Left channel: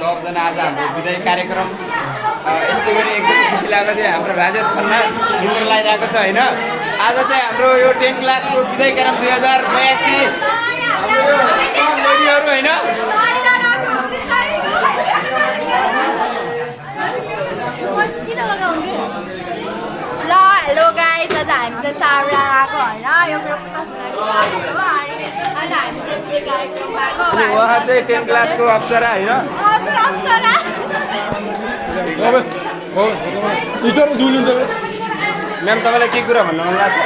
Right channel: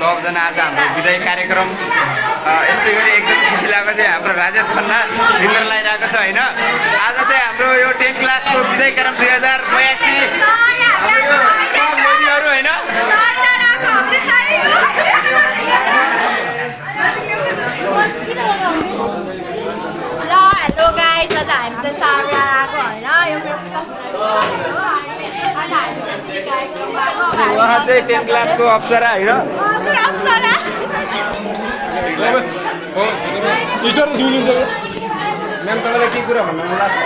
सबजना आज हाम्रो विदाई कार्यक्रम यस्तै गरी एकदम खुसी लागेको थियो। हाम्रो राजेश खन्ना फिङ्गर लगाइरहेको छ होइन। आज चाहिँ हाम्रो यो 10 क्लासको विदाई कार्यक्रम 2082 हाम्रो यो लेडीहरू होइन। ल हेलो गाइस, आज हामी चाहिँ सारा आएको होइन। यो मेरो उहाँ चाहिँ 10 क्लासको अप्सरा होइन। म्याम तपाईँलाई के कुरा भन्नु मन लाग्छ?